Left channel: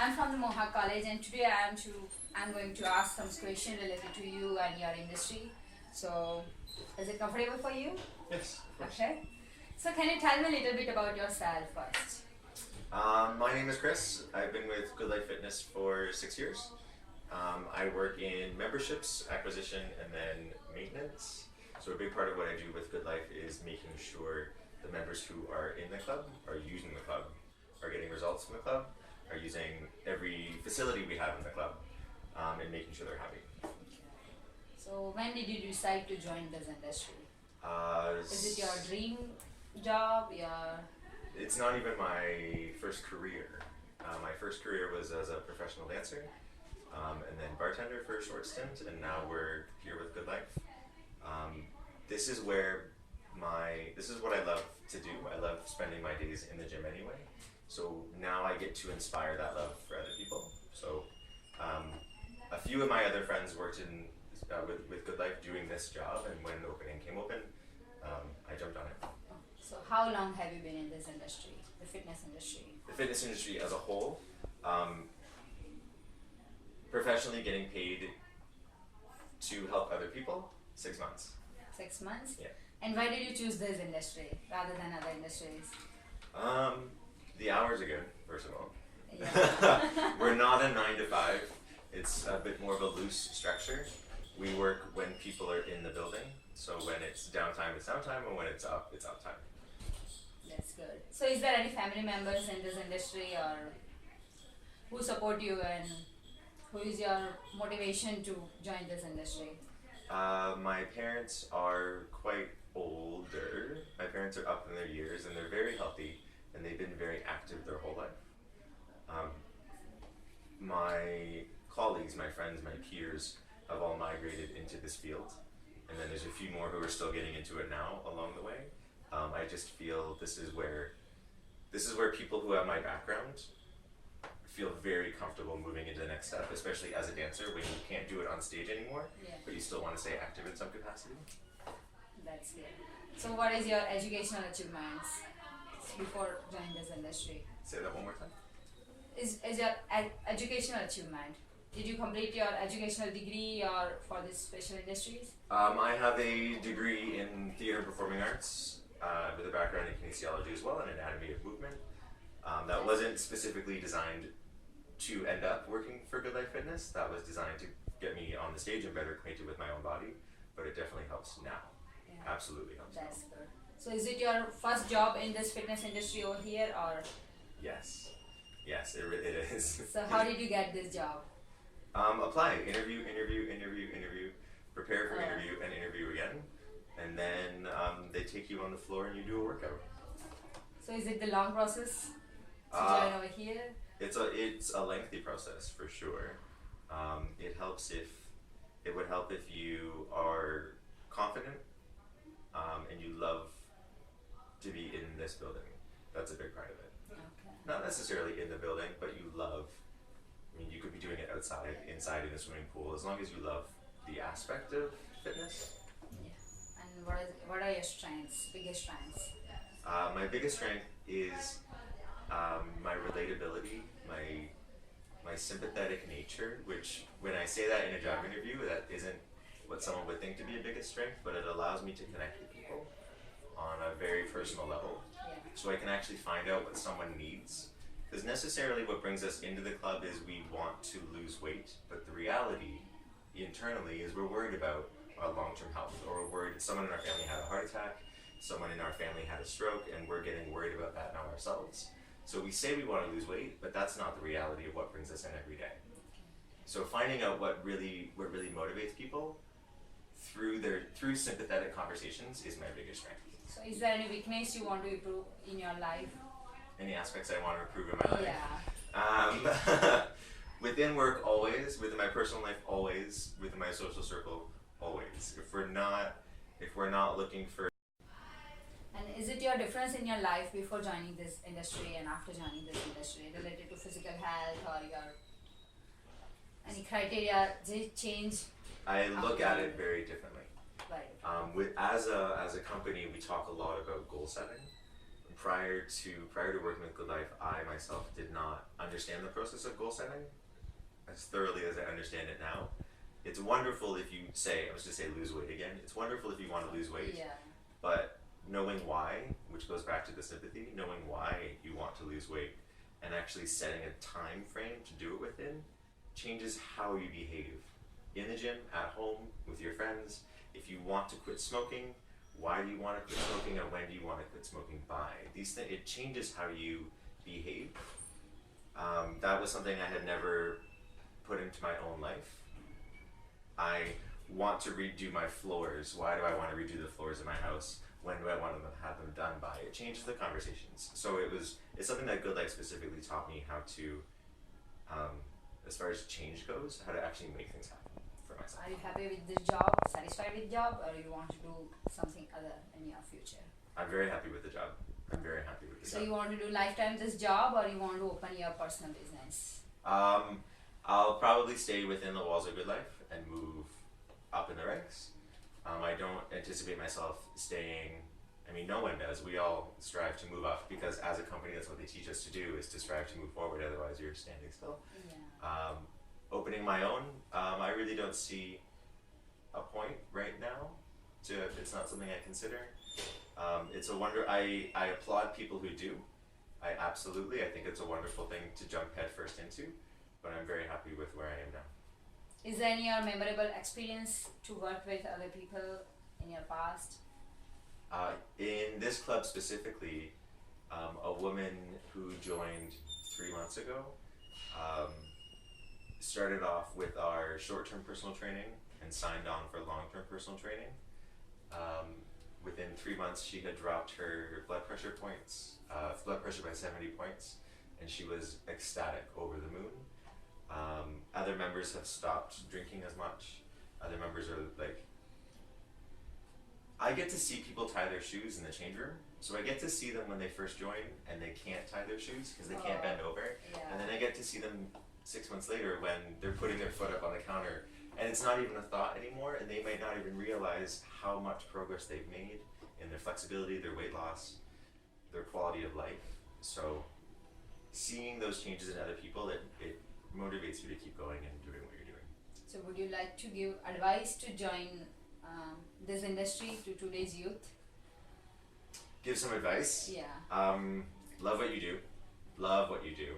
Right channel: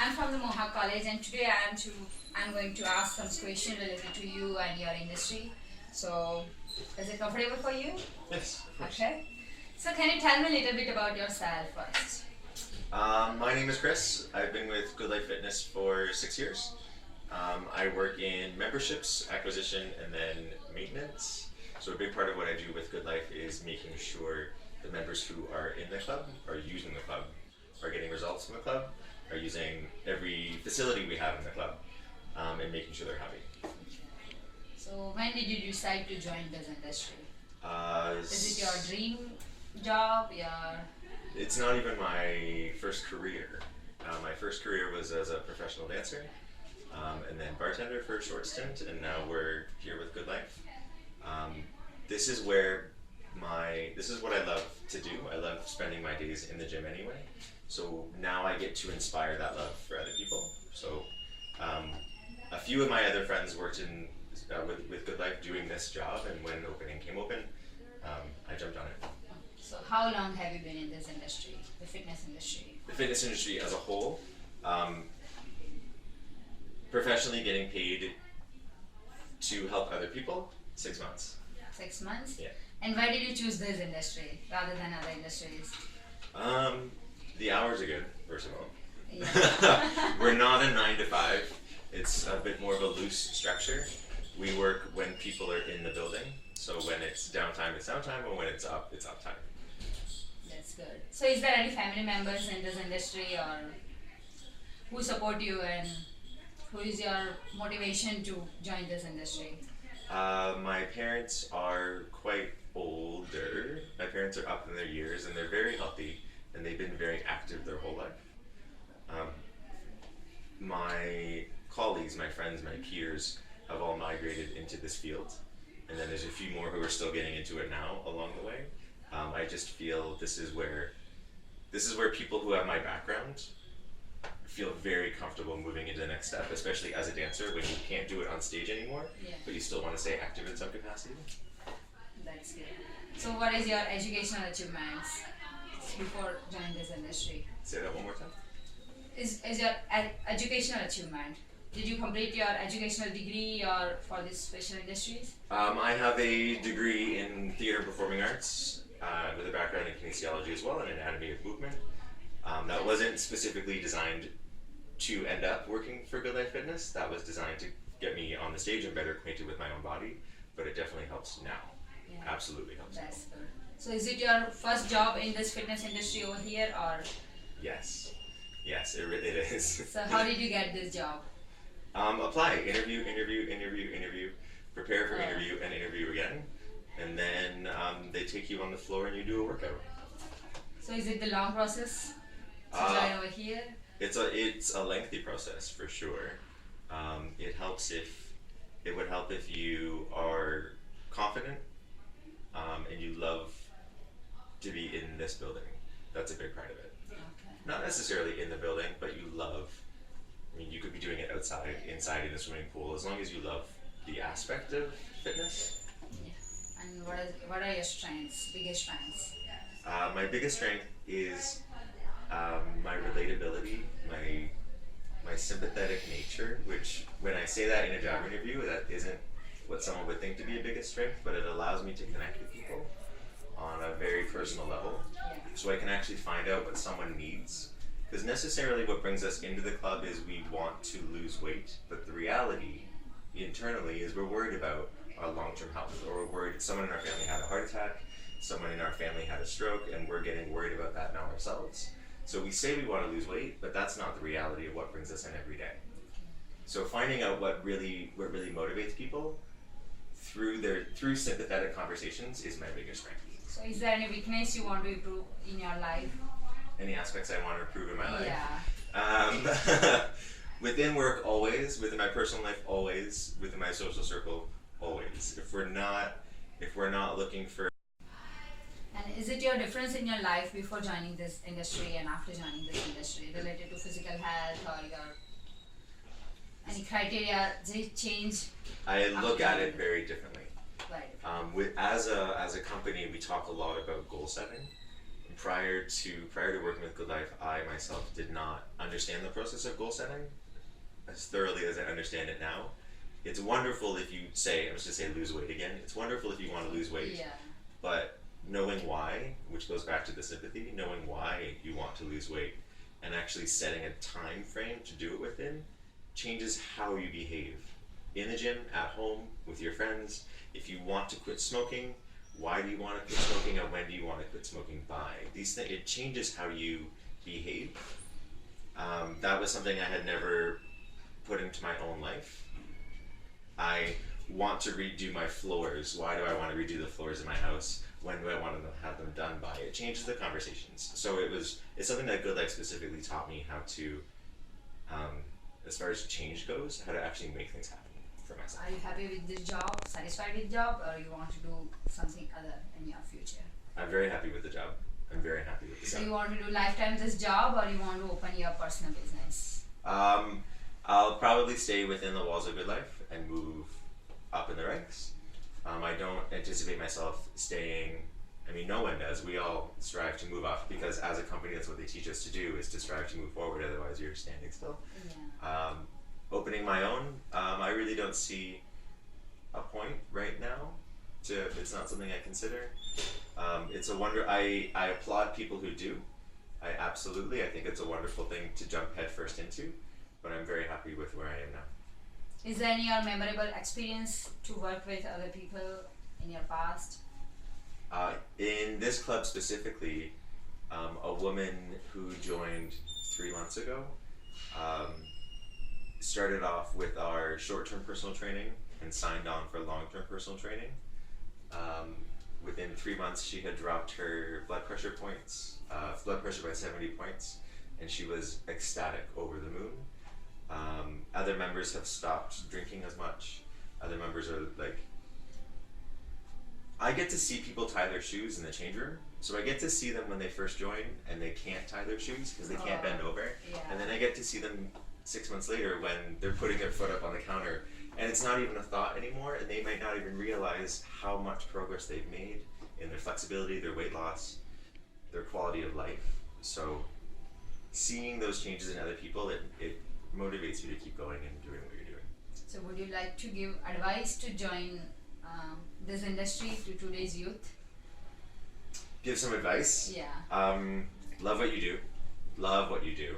I'm from the Mohawk College, and today I'm going to ask some questions related to you and your industry. So, is it comfortable for you? Yes, of course. Okay. So, can you tell me a little bit about yourself first? My name is Chris. I've been with Good Life Fitness for 6 years. I work in memberships, acquisition, and then maintenance. So a big part of what I do with Good Life is making sure the members who are in the club are using the club, are getting results from the club, are using every facility we have in the club, and making sure they're happy. So, when did you decide to join this industry? Is it your S- dream job? Your It's not even my first career. My first career was as a professional dancer, and then bartender for a short stint, and now we're here with Good Life. Um, this is where this is what I love to do. I love spending my days in the gym anyway. So now I get to inspire that love for other people. So um, a few of my other friends worked with Good Life doing this job, and when opening came open, I jumped on it. so how long have you been in this industry, the fitness industry? The fitness industry as a whole, um, professionally getting paid to help other people, 6 months. 6 months. Yeah. And why did you choose this industry rather than other industries? Um, the hours are good, first of all. Yeah. We're not a 9 to 5. It's a bit more of a loose structure. We work when people are in the building. So when it's downtime, and when it's uptime. That's good. So, is there any family members in this industry or who support you, and who is your motivation to join this industry? My parents are quite older. My parents are up in their years and they're very healthy and they've been very active their whole life. Um, my colleagues, my friends, my peers have all migrated into this field, and then there's a few more who are still getting into it now along the way. I just feel this is where people who have my background feel very comfortable moving into the next step, especially as a dancer when you can't do it on stage anymore, Yeah, but you still want to stay active in some capacity. that's good. So, what is your educational achievements before joining this industry? Say that one more time. Is your educational achievement? Did you complete your educational degree or for this special industries? I have a degree in theater and performing arts with a background in kinesiology as well and anatomy of movement. That wasn't specifically designed to end up working for Good Life Fitness. That was designed to get me on the stage and better acquainted with my own body, but it definitely helps now. Yeah, Absolutely helps now. that's good. So, is it your first job in this fitness industry over here, or Yes. Yes, it is. so how did you get this job? Apply, interview, prepare for Oh. interview and interview again, and then they take you on the floor and you do a workout. So, is it the long process to Uh, join over here? it's a lengthy process for sure. It would help if you are confident and you love to be in this building. That's a big part of it. Okay. Not necessarily in the building, but you love. I mean, you could be doing it outside, inside in a swimming pool, as long as you love the aspect of fitness. Yeah. And what are your strengths? Biggest strengths? My biggest strength is my relatability, my sympathetic nature. Which, when I say that in a job interview, that isn't what someone would think to be a biggest strength, but it allows me to connect with people on a very personal level, Yeah. so I can actually find out what someone needs. Because necessarily, what brings us into the club is we want to lose weight, but the reality internally is we're worried about our long-term health, or we're worried someone in our family had a heart attack, someone in our family had a stroke, and we're getting worried about that now ourselves. So we say we want to lose weight, but that's not the reality of what brings us in every day. So finding out what really motivates people through sympathetic conversations is my biggest strength. So, is there any weakness you want to improve in your life? Any aspects I want to improve in my life? Yeah. Within work, always. Within my personal life, always. Within my social circle, always. If we're not looking for. And is it your difference in your life before joining this industry and after joining this industry related to physical health or your any criteria? Did it change? I look at it very differently. Right. As a company, we talk a lot about goal setting. prior to working with Good Life, I myself did not understand the process of goal setting as thoroughly as I understand it now. It's wonderful if you say, I was just say lose weight again. It's wonderful if you want to lose weight, Yeah. but knowing why, which goes back to the sympathy, knowing why you want to lose weight and actually setting a time frame to do it within changes how you behave in the gym, at home, with your friends. If you want to quit smoking, why do you want to quit smoking and when do you want to quit smoking by? These things, it changes how you behave. That was something I had never put into my own life. I want to redo my floors. Why do I want to redo the floors in my house? When do I want to have them done by? It changes the conversations. So it's something that Good Life specifically taught me how to, as far as change goes, how to actually make things happen for myself. Are you happy with this job, satisfied with job, or you want to do something other in your future? I'm very happy with the job. I'm very happy with the So job. you want to do lifetime this job, or you want to open your personal business? I'll probably stay within the walls of Good Life and move up in the ranks. I don't anticipate myself staying. I mean, no one does. We all strive to move up because as a company, that's what they teach us to do, is to strive to move forward. Otherwise, you're standing still. Yeah. Opening my own, I really don't see a point right now. It's not something I consider. It's a wonder. I applaud people who do. I think it's a wonderful thing to jump headfirst into. But I'm very happy with where I am now. Is there any memorable experience to work with other people in your past? In this club specifically, a woman who joined 3 months ago started off with our short-term personal training and signed on for long-term personal training. Within 3 months, she had dropped her blood pressure by 70 points, and she was ecstatic, over the moon. Other members have stopped drinking as much. Other members are like, I get to see people tie their shoes in the change room. So I get to see them when they first join and they can't tie their shoes because they can't bend over. Yeah. And then I get to see them 6 months later when they're putting their foot up on the counter and it's not even a thought anymore, and they might not even realize how much progress they've made in their flexibility, their weight loss, their quality of life. So seeing those changes in other people, it motivates you to keep going and doing what you're doing. So would you like to give advice to join this industry to today's youth? Give some advice. Yeah. Love what you do. Love what you do.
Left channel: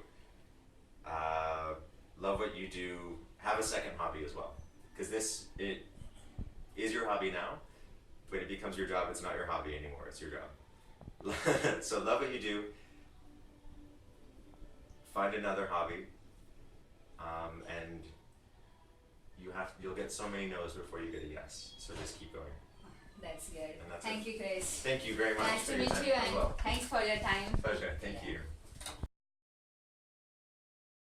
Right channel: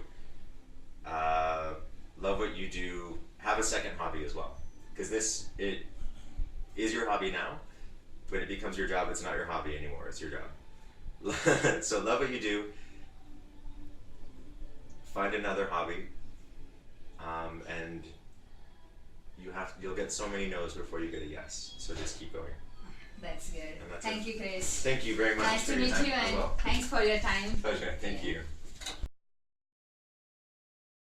Love what you do. Have a second hobby as well. Because it is your hobby now, but it becomes your job. It's not your hobby anymore. It's your job. So love what you do. Find another hobby. And you'll get so many no's before you get a yes. So just keep going. That's good. And that's Thank you, Chris. Thank you very much Nice for to your meet time you, as and well. thanks for your time. Pleasure. Thank Yeah. you.